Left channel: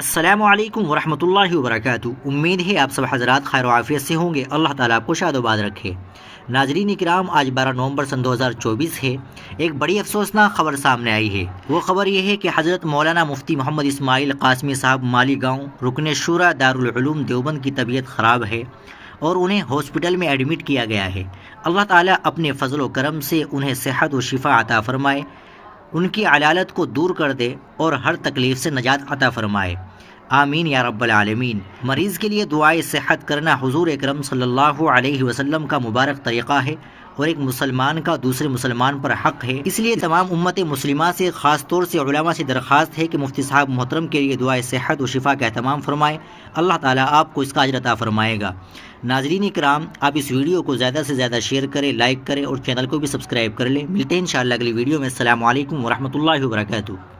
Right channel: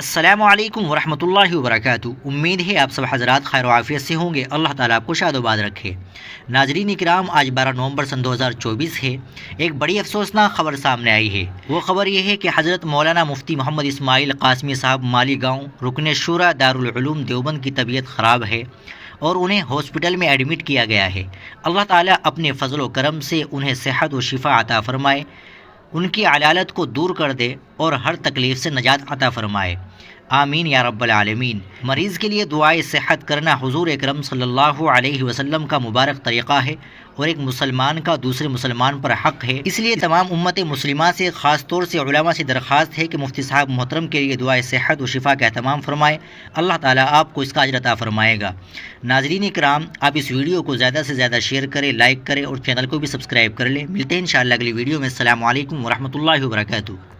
السلام علیکم ورحمۃ اللہ وبرکاتہ۔ امید ہے آپ سب حضرات خیر و عافیت سے ہوں گے، اللہ تعالیٰ آپ کو شاد و باد رکھے۔ ناظرین کرام، آج 12 نومبر سن 2024 ہے۔ ایک بڑی افسوسناک خبر سامنے آئی ہے۔ وہ خبر یہ ہے کہ حضرت مولانا مفتی محمد اسماعیل قاسمی صاحب مالی گاؤں رکن شورا دارالعلوم دیوبند کی طبیعت خراب ہے اور انہیں ہاسپٹل میں ایڈمٹ کیا گیا ہے۔ اللہ تعالیٰ اپنے فضل و کرم سے انہیں صحت و شفا عطا فرمائے، ان کی علالت کو دور کر دے اور ہر تکلیف سے نجات عطا فرمائے، آمین یا رب العالمین۔ مریض کے لیے دعائے صحت کرنا حضور اکرم صلی اللہ علیہ وسلم کا مبارک طریقہ ہے اور ایک مسلمان کا دوسرے مسلمان پر حق ہے۔ اس لیے تمام امت مسلمہ سے، خاص طور سے علماء سے درخواست ہے کہ مفتی صاحب محترم کے لیے دعائے صحت و شفا کا اہتمام فرمائے، اللہ تعالیٰ آپ کو اس کا اجر عطا فرمائے گا۔ ناظرین کرام، آپ اس ویڈیو کو زیادہ سے زیادہ شیئر کریں، لائک کریں اور چینل کو بھی سبسکرائب کر لیں۔ ملتے ہیں انشاءاللہ اگلی ویڈیو میں۔ السلام علیکم ورحمۃ اللہ وبرکاتہ۔